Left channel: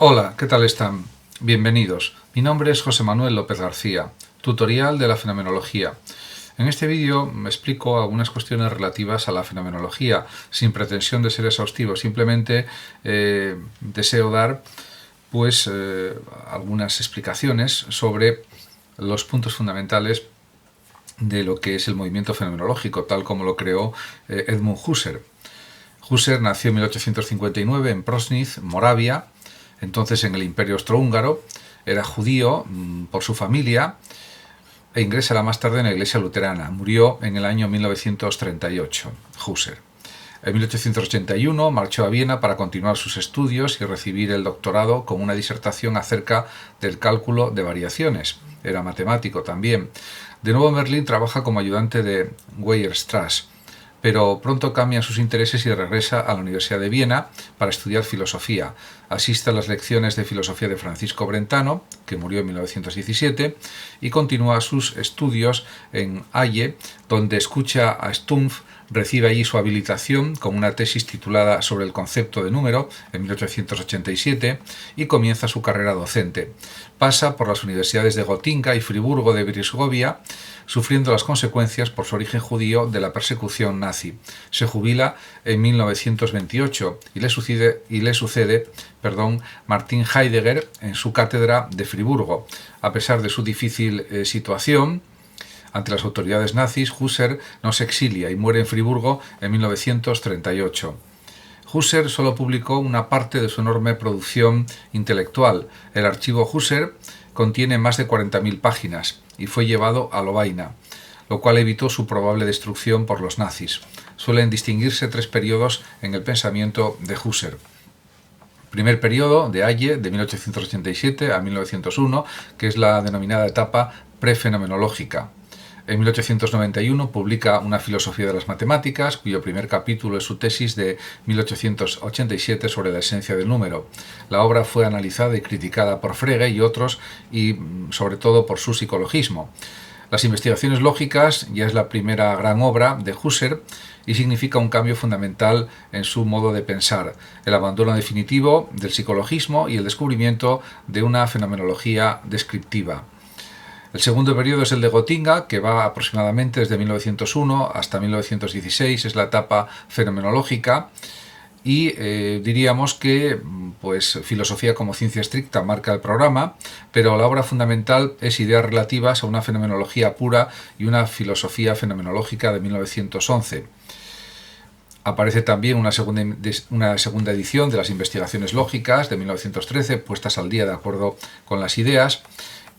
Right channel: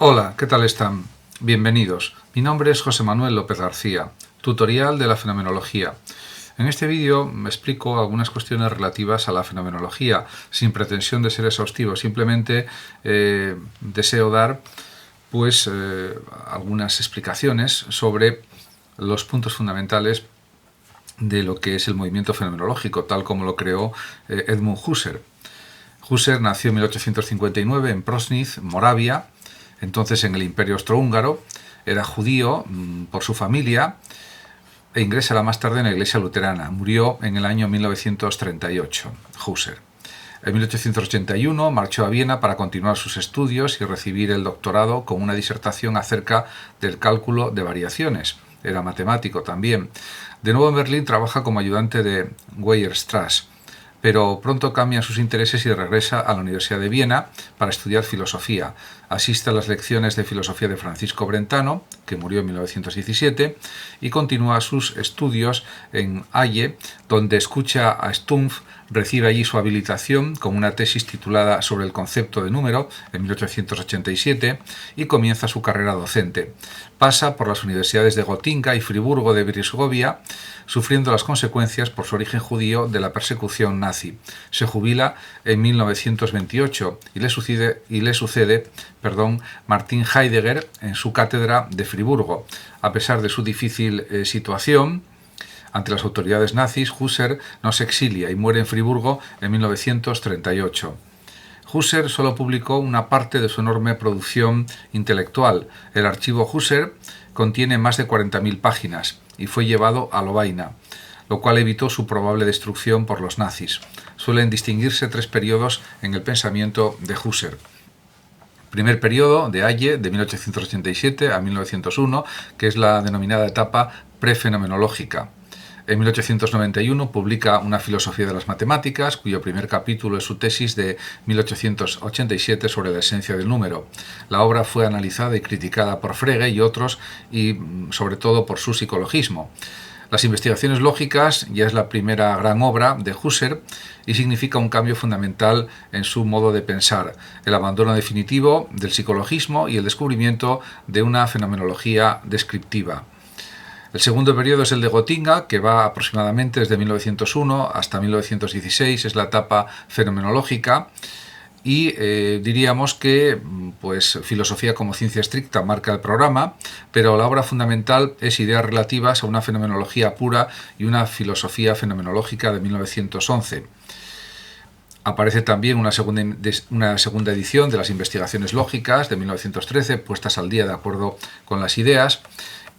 Hola, ¿qué tal están? Bienvenidos. Mi nombre es José Manuel López García, tutorial de la fenomenología. En este vídeo me explico algunas cuestiones relativas a la fenomenología, sin pretensión de ser exhaustivo, simplemente deseo dar algunas explicaciones sobre los puntos fundamentales de lo que es el movimiento fenomenológico, tal como lo creó Edmund Husserl. Husserl nació en 1859 en Prosnitz, Moravia, entonces en el Imperio Austrohúngaro. Era judío por su familia e ingresa más tarde en la Iglesia Luterana. Murió en el año 1938, Husserl. En 1881 marchó a Viena para continuar sus estudios y recibir el doctorado con una disertación acerca del cálculo de variaciones. Era matemático también. De nuevo en Berlín trabaja como ayudante de Weierstrass, pero pronto cambia sus intereses y regresa a la Universidad de Viena para estudiar filosofía. Asiste a las lecciones de filosofía de Francisco Brentano, que murió en 1917, y continúa sus estudios en Halle, donde escucha a Stumpf, recibe allí su habilitación con una tesis titulada Sobre el concepto de número en 1887 y comienza su carrera docente. Pasa por las universidades de Gotinga y Friburgo de Brisgovia, sufriendo las consecuencias por su origen judío de la persecución nazi. Se jubila en 1928 y le sucede Martin Heidegger en su cátedra de Friburgo. A pesar de su difícil situación ante las autoridades nazis, Husserl no se exilia y muere en Friburgo en 1938. Husserl solo publicó una parte de su enorme producción intelectual. El archivo Husserl contiene más de 40.000 páginas y fue llevado a Lovaina, lo cual evitó su probable destrucción por los nazis. Suelen distinguirse tres periodos en el pensamiento de Husserl. Primer periodo, de Halle, de 1887 a 1901, que es la denominada etapa prefenomenológica. En 1891 publica Una filosofía de las matemáticas, cuyo primer capítulo es su tesis de 1887 sobre la esencia del número. La obra fue analizada y criticada por Frege y otros, y sobre todo por su psicologismo. Las investigaciones lógicas ya es la primera gran obra de Husserl y significa un cambio fundamental en su modo de pensar, el abandono definitivo del psicologismo y el descubrimiento de una fenomenología descriptiva. El segundo periodo es el de Gotinga, que va aproximadamente desde 1901 hasta 1916, es la etapa fenomenológica, y diríamos que filosofía como ciencia estricta marca el programa, pero la obra fundamental es Ideas relativas a una fenomenología pura y una filosofía fenomenológica de 1911. Aparece también una segunda edición de las investigaciones lógicas de 1913, puestas al día de acuerdo con las ideas,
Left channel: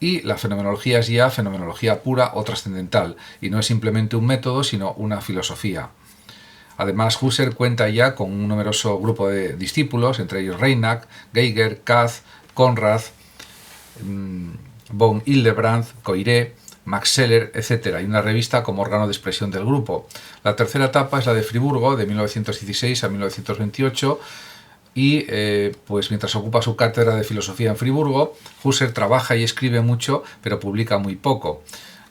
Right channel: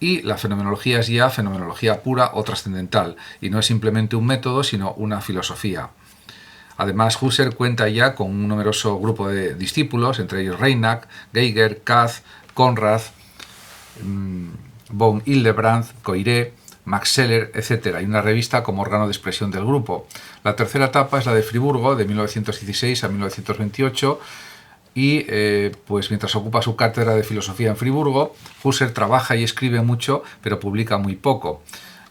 y la fenomenología es ya fenomenología pura o trascendental, y no es simplemente un método, sino una filosofía. Además, Husserl cuenta ya con un numeroso grupo de discípulos, entre ellos Reinach, Geiger, Katz, Conrad, von Hildebrand, Coiré, Max Scheler, etc. y una revista como órgano de expresión del grupo. La tercera etapa es la de Friburgo, de 1916 a 1928, y mientras ocupa su cátedra de filosofía en Friburgo, Husserl trabaja y escribe mucho, pero publica muy poco.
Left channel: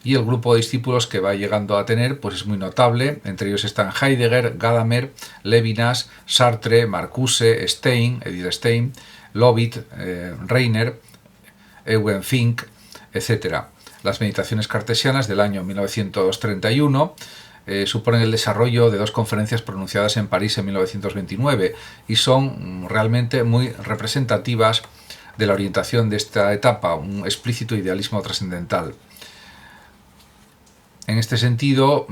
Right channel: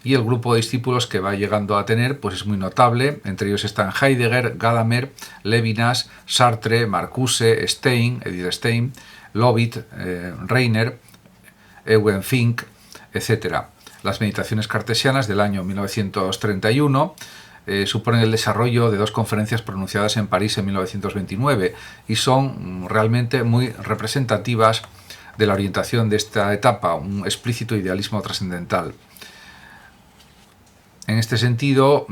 Y el grupo de discípulos que va llegando a tener es muy notable. Entre ellos están Heidegger, Gadamer, Levinas, Sartre, Marcuse, Stein, Edith Stein, Lovit, Reiner, Eugen Fink, etc. Las meditaciones cartesianas del año 1931 suponen el desarrollo de dos conferencias pronunciadas en París en 1929 y son realmente muy representativas de la orientación de esta etapa, un explícito idealismo trascendental. En este sentido,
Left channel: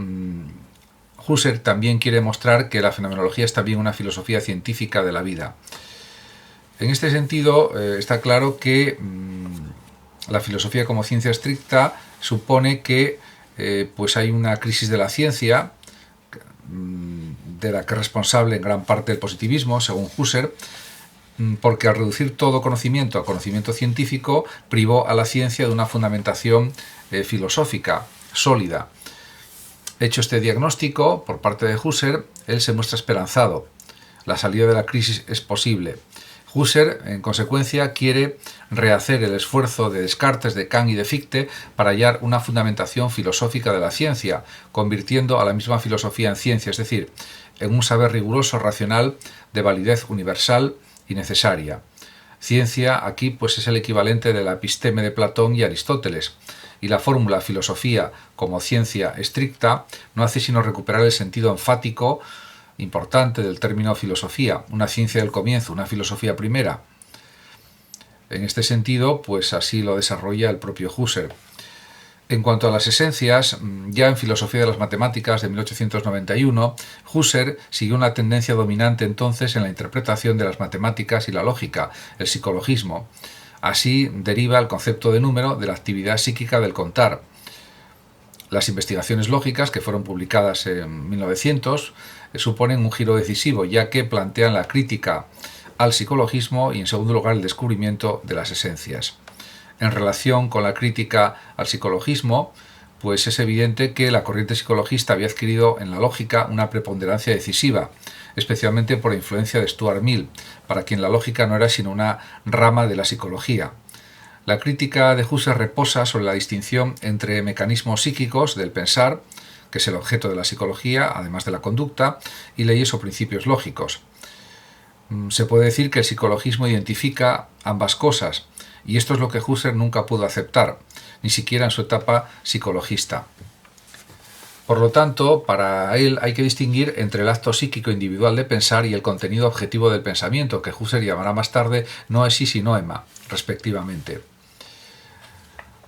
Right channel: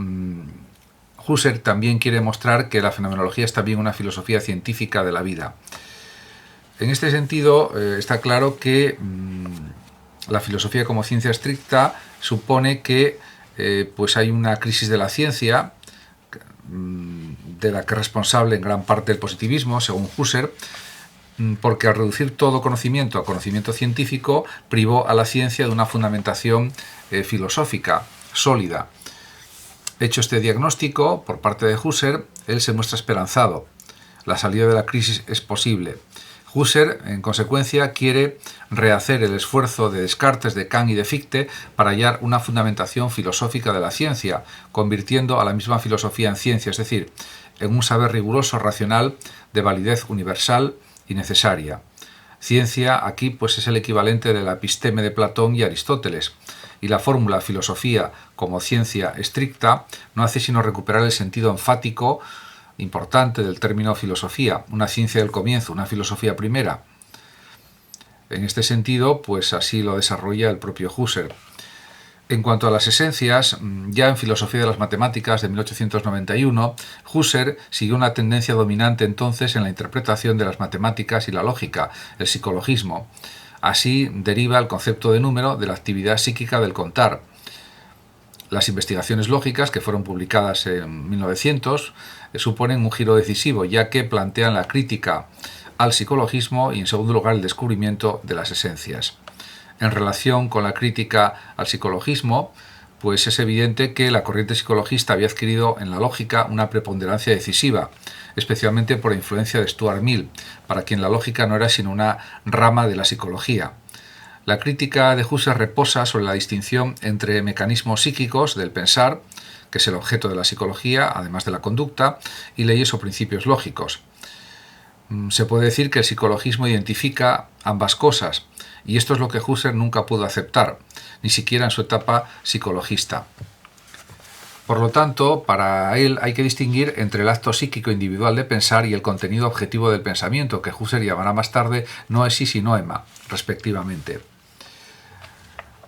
Husserl también quiere mostrar que la fenomenología es también una filosofía científica de la vida. En este sentido, está claro que la filosofía como ciencia estricta supone que hay una crisis de la ciencia, de la que es responsable en gran parte el positivismo, según Husserl, porque al reducir todo conocimiento a conocimiento científico, privó a la ciencia de una fundamentación filosófica sólida. Hecho este diagnóstico por parte de Husserl, él se muestra esperanzado. La salida de la crisis es posible. Husserl, en consecuencia, quiere rehacer el esfuerzo de Descartes, de Kant y de Fichte para hallar una fundamentación filosófica de la ciencia, convirtiendo a la misma filosofía en ciencia, es decir, en un saber riguroso, racional, de validez universal y necesaria. Ciencia aquí pues es el equivalente de la episteme de Platón y Aristóteles, y la fórmula filosofía como ciencia estricta no hace sino recuperar el sentido enfático importante del término filosofía, una ciencia del comienzo, una filosofía primera. En este sentido, pues así lo desarrolla el propio Husserl. En cuanto a las esencias, ya en Filosofía de las Matemáticas de 1891, Husserl siguió una tendencia dominante entonces en la interpretación de las matemáticas y la lógica, el psicologismo. Así deriva el concepto de número de la actividad psíquica del contar. Las investigaciones lógicas, que fueron publicadas en 1900, suponen un giro decisivo, ya que plantean la crítica al psicologismo y, en segundo lugar, el descubrimiento de las esencias. En relación con la crítica al psicologismo, pues es evidente que la corriente psicologista había adquirido en la lógica una preponderancia decisiva, especialmente por la influencia de Stuart Mill, para quien la lógica no era sino una rama de la psicología. La crítica de Husserl reposa sobre la distinción entre mecanismos psíquicos del pensar, que es el objeto de la psicología, además de la conducta, y leyes o principios lógicos. Se puede decir que el psicologismo identifica ambas cosas, y esto es lo que Husserl nunca pudo aceptar, ni siquiera en su etapa psicologista. Por lo tanto, para él hay que distinguir entre el acto psíquico individual de pensar y el contenido objetivo del pensamiento, que Husserl llamará más tarde noesis y noema, respectivamente.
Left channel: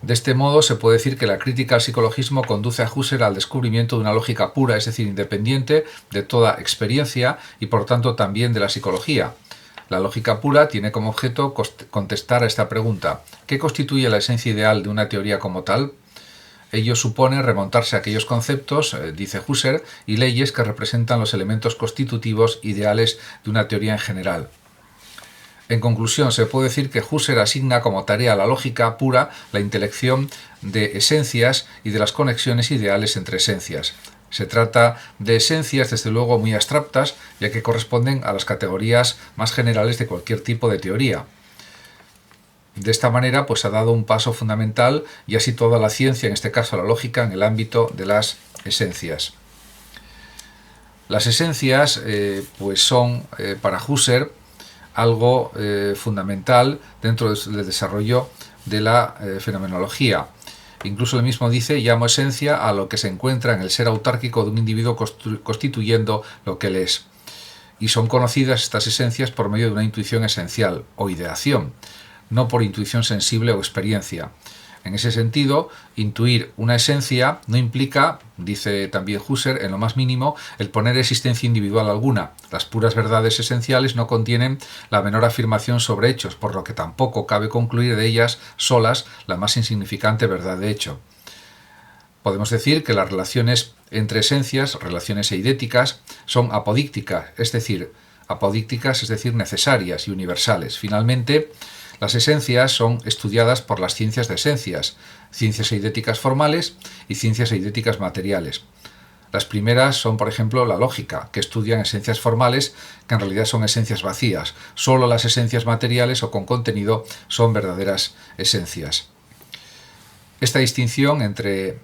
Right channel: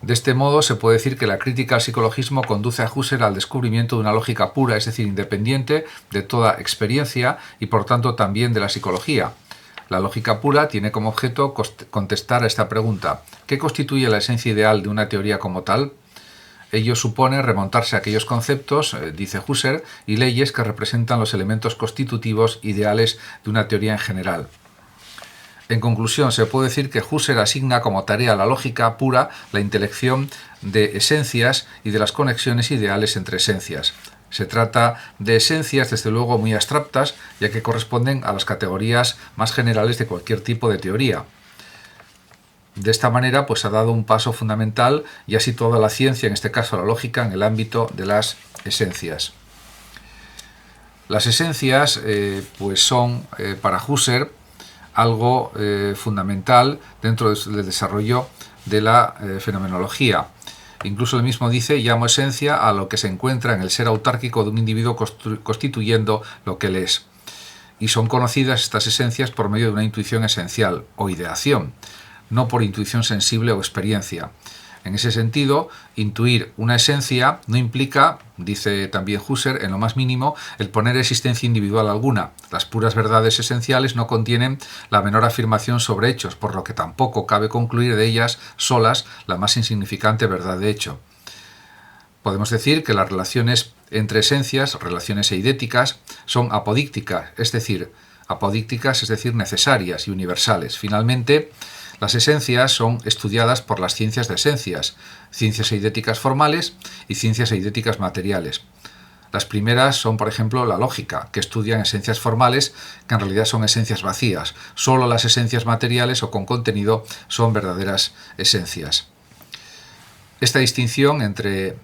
De este modo, se puede decir que la crítica al psicologismo conduce a Husserl al descubrimiento de una lógica pura, es decir, independiente de toda experiencia y por tanto también de la psicología. La lógica pura tiene como objeto contestar a esta pregunta: ¿qué constituye la esencia ideal de una teoría como tal? Ello supone remontarse a aquellos conceptos, dice Husserl, y leyes que representan los elementos constitutivos ideales de una teoría en general. En conclusión, se puede decir que Husserl asigna como tarea a la lógica pura la intelección de esencias y de las conexiones ideales entre esencias. Se trata de esencias, desde luego, muy abstractas, ya que corresponden a las categorías más generales de cualquier tipo de teoría. De esta manera, pues ha dado un paso fundamental y ha situado la ciencia, en este caso la lógica, en el ámbito de las esencias. Las esencias, pues son para Husserl algo fundamental dentro del desarrollo de la fenomenología. Incluso él mismo dice: llamo esencia a lo que se encuentra en el ser autárquico de un individuo constituyendo lo que él es. Y son conocidas estas esencias por medio de una intuición esencial o ideación, no por intuición sensible o experiencia. En ese sentido, intuir una esencia no implica, dice también Husserl, en lo más mínimo, el poner existencia individual alguna. Las puras verdades esenciales no contienen la menor afirmación sobre hechos, por lo que tampoco cabe concluir de ellas solas la más insignificante verdad de hecho. Podemos decir que las relaciones entre esencias, relaciones eidéticas, son apodícticas, es decir, necesarias y universales. Finalmente, las esencias son estudiadas por las ciencias de esencias, ciencias eidéticas formales y ciencias eidéticas materiales. Las primeras son, por ejemplo, la lógica, que estudian esencias formales que en realidad son esencias vacías. Solo las esencias materiales o con contenido son verdaderas esencias. Esta distinción entre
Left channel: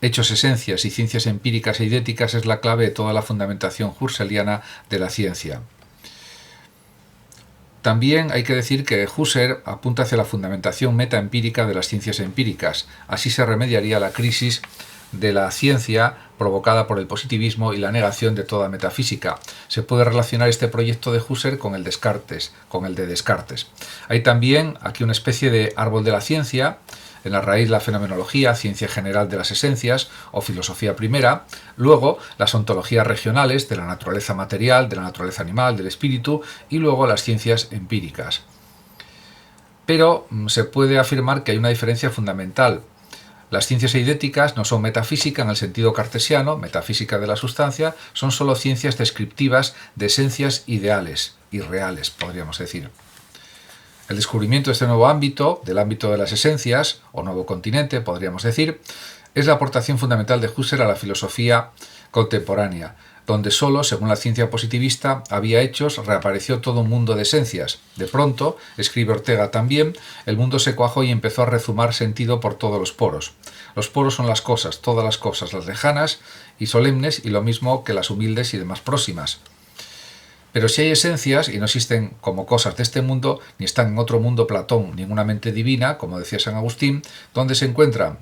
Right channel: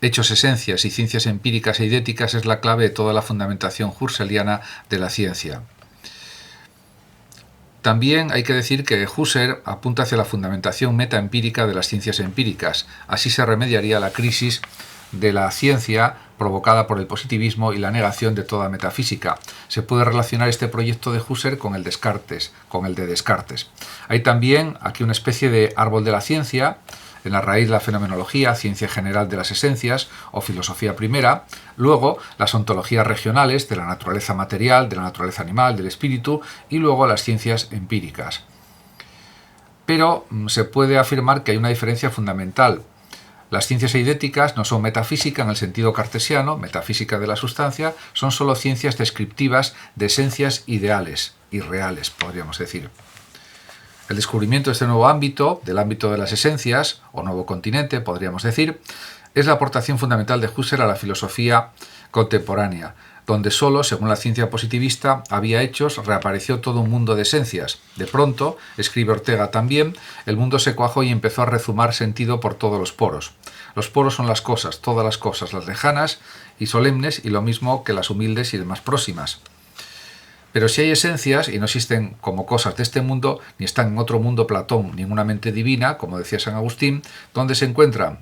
hechos esencias y ciencias empíricas e eidéticas es la clave de toda la fundamentación husserliana de la ciencia. También hay que decir que Husserl apunta hacia la fundamentación metaempírica de las ciencias empíricas. Así se remediaría la crisis de la ciencia provocada por el positivismo y la negación de toda metafísica. Se puede relacionar este proyecto de Husserl con el de Descartes. Hay también aquí una especie de árbol de la ciencia. En la raíz la fenomenología, ciencia general de las esencias o filosofía primera, luego las ontologías regionales de la naturaleza material, de la naturaleza animal, del espíritu, y luego las ciencias empíricas. Pero se puede afirmar que hay una diferencia fundamental. Las ciencias eidéticas no son metafísica en el sentido cartesiano, metafísica de la sustancia, son solo ciencias descriptivas de esencias ideales, irreales, podríamos decir. El descubrimiento de este nuevo ámbito, del ámbito de las esencias, o nuevo continente, podríamos decir, es la aportación fundamental de Husserl a la filosofía contemporánea, donde solo, según la ciencia positivista, había hechos, reapareció todo un mundo de esencias. De pronto, escribe Ortega también, el mundo se cuajó y empezó a rezumar sentido por todos los poros. Los poros son las cosas, todas las cosas, las lejanas y solemnes, y lo mismo que las humildes y demás próximas. Pero si hay esencias y no existen como cosas de este mundo, ni están en otro mundo Platón, ni en una mente divina, como decía San Agustín, ¿dónde se encuentran?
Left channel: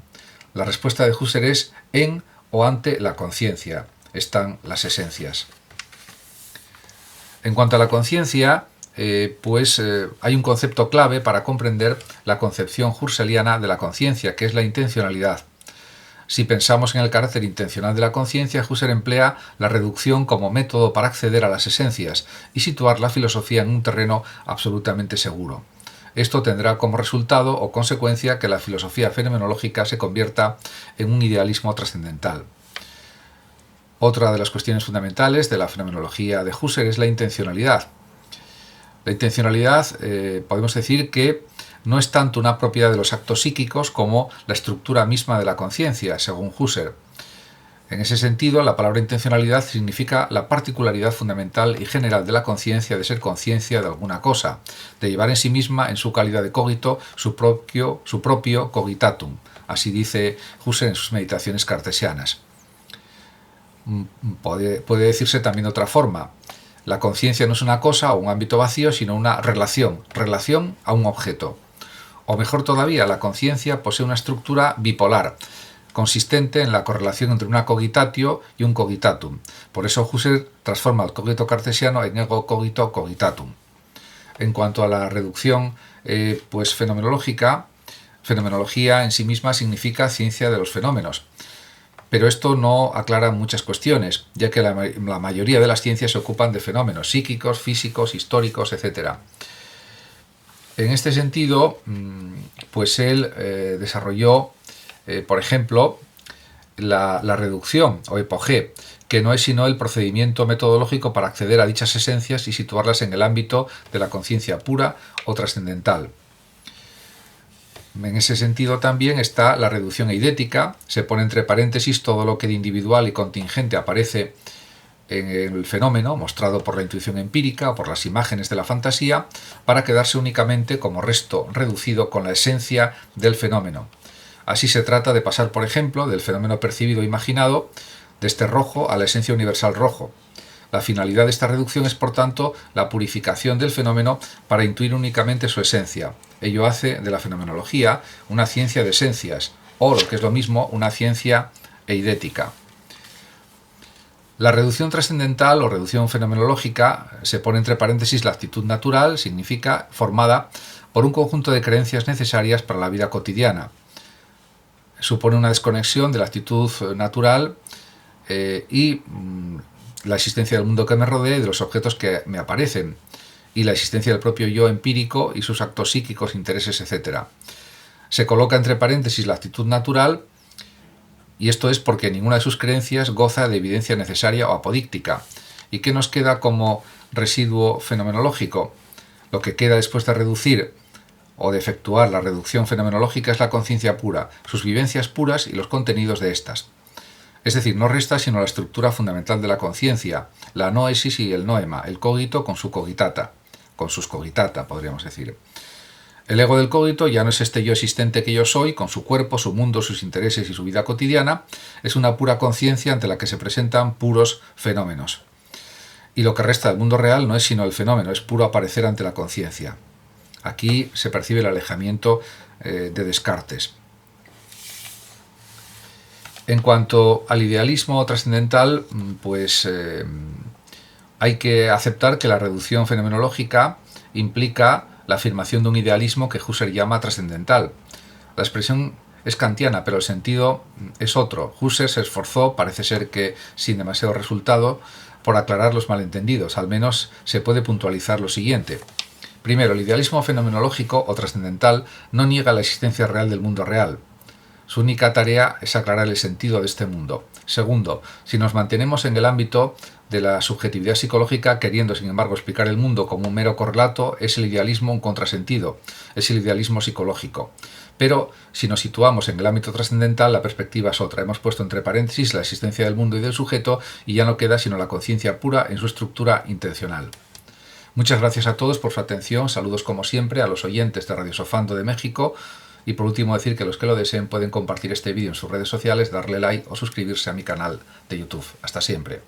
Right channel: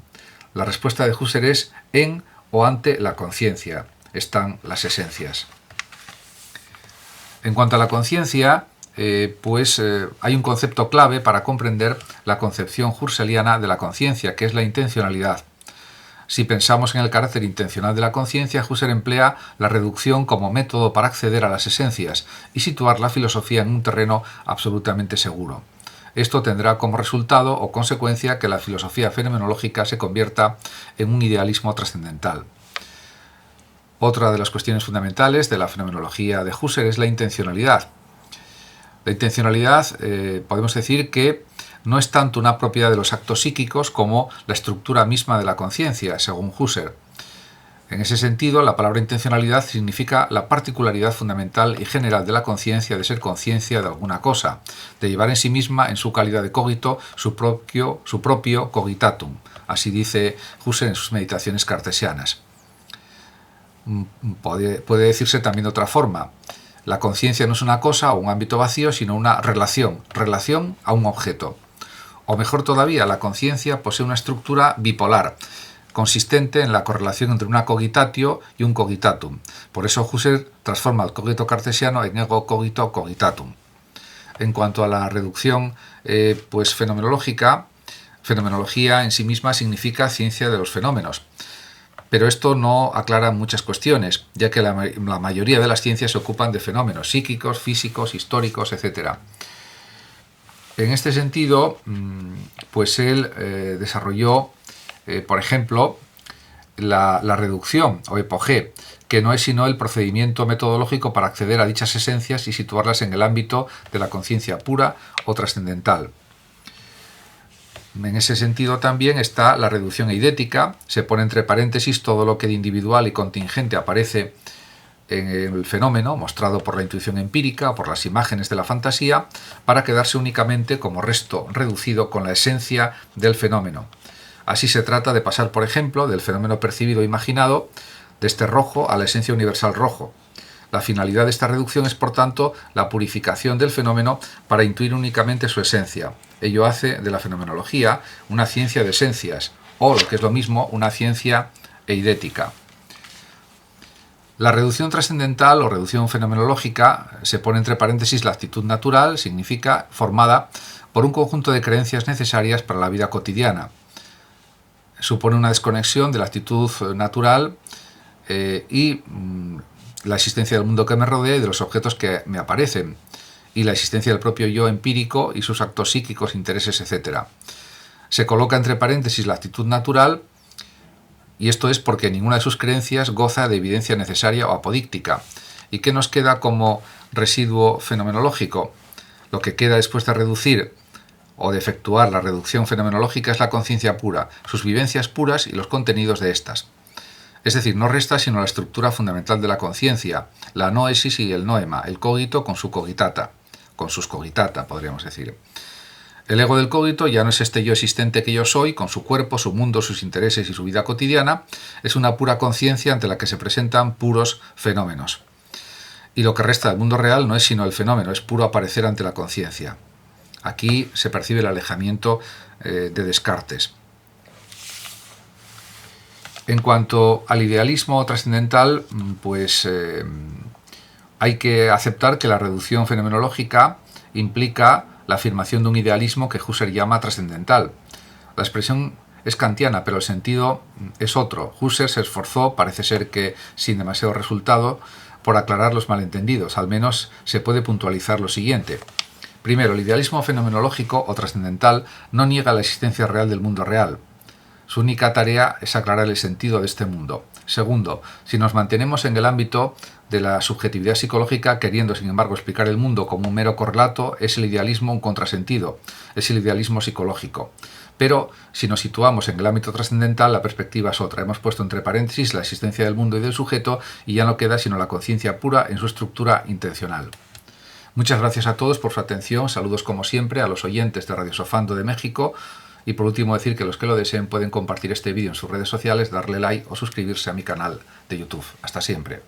La respuesta de Husserl es en o ante la conciencia. Están las esencias. En cuanto a la conciencia, hay un concepto clave para comprender la concepción husserliana de la conciencia, que es la intencionalidad. Si pensamos en el carácter intencional de la conciencia, Husserl emplea la reducción como método para acceder a las esencias y situar la filosofía en un terreno absolutamente seguro. Esto tendrá como resultado o consecuencia que la filosofía fenomenológica se convierta en un idealismo trascendental. Otra de las cuestiones fundamentales de la fenomenología de Husserl es la intencionalidad. La intencionalidad podemos decir que no es tanto una propiedad de los actos psíquicos como la estructura misma de la conciencia, según Husserl. En ese sentido, la palabra intencionalidad significa la particularidad fundamental y general de la conciencia de ser conciencia de alguna cosa, de llevar en sí misma, en su calidad de cogito, su propio cogitatum. Así dice Husserl en sus meditaciones cartesianas. Puede decirse también de otra forma. La conciencia no es una cosa o un ámbito vacío, sino una relación a un objeto. O mejor todavía, la conciencia posee una estructura bipolar, consistente en la correlación entre una cogitatio y un cogitatum. Por eso Husserl transforma el cogito cartesiano en ego cogito cogitatum. En cuanto a la reducción fenomenológica, fenomenología en sí misma significa ciencia de los fenómenos. Pero esto no aclara muchas cuestiones, ya que la mayoría de las ciencias se ocupan de fenómenos psíquicos, físicos, históricos, etc. En este sentido, él desarrolló, por ejemplo, la reducción o epogé, que no es sino el procedimiento metodológico para acceder a dichas esencias y situarlas en el ámbito de la conciencia pura o trascendental. En ese sentido también está la reducción eidética, se pone entre paréntesis todo lo que de individual y contingente aparece en el fenómeno, mostrado por la intuición empírica o por las imágenes de la fantasía, para quedarse únicamente como resto reducido con la esencia del fenómeno. Así se trata de pasar, por ejemplo, del fenómeno percibido e imaginado, de este rojo a la esencia universal rojo. La finalidad de esta reducción es, por tanto, la purificación del fenómeno para intuir únicamente su esencia. Ello hace de la fenomenología una ciencia de esencias, o, lo que es lo mismo, una ciencia eidética. La reducción trascendental o reducción fenomenológica se pone entre paréntesis la actitud natural, significa formada por un conjunto de creencias necesarias para la vida cotidiana. Supone una desconexión de la actitud natural y la existencia del mundo que me rodea y de los objetos que me aparecen, y la existencia del propio yo empírico y sus actos psíquicos, intereses, etc. Se coloca entre paréntesis la actitud natural, y esto es porque ninguna de sus creencias goza de evidencia necesaria o apodíctica. ¿Y qué nos queda como residuo fenomenológico? Lo que queda después de reducir o de efectuar la reducción fenomenológica es la conciencia pura, sus vivencias puras y los contenidos de estas. Es decir, no resta sino la estructura fundamental de la conciencia, la noesis y el noema, el cogito con su cogitata, con sus cogitata, podríamos decir. El ego del cogito ya no es este yo existente que yo soy, con su cuerpo, su mundo, sus intereses y su vida cotidiana, es una pura conciencia ante la que se presentan puros fenómenos. Y lo que resta del mundo real no es sino el fenómeno, es puro aparecer ante la conciencia. Aquí se percibe el alejamiento de Descartes. En cuanto al idealismo trascendental, hay que aceptar que la reducción fenomenológica implica la afirmación de un idealismo que Husserl llama trascendental. La expresión es kantiana, pero el sentido es otro. Husserl se esforzó, parece ser que sin demasiado resultado, por aclarar los malentendidos. Al menos se puede puntualizar lo siguiente. Primero, el idealismo fenomenológico o trascendental no niega la existencia real del mundo real. Su única tarea es aclarar el sentido de este mundo. Segundo, si nos mantenemos en el ámbito de la subjetividad psicológica, queriendo sin embargo explicar el mundo como un mero correlato, es el idealismo un contrasentido, es el idealismo psicológico. Pero si nos situamos en el ámbito trascendental, la perspectiva es otra. Hemos puesto entre paréntesis la existencia del mundo y del sujeto y ya no queda sino la conciencia pura en su estructura intencional. Muchas gracias a todos por su atención, saludos como siempre a los oyentes de Radio Sofando de México y por último decir que los que lo deseen pueden compartir este vídeo en sus redes sociales, darle like o suscribirse a mi canal de YouTube. Hasta siempre.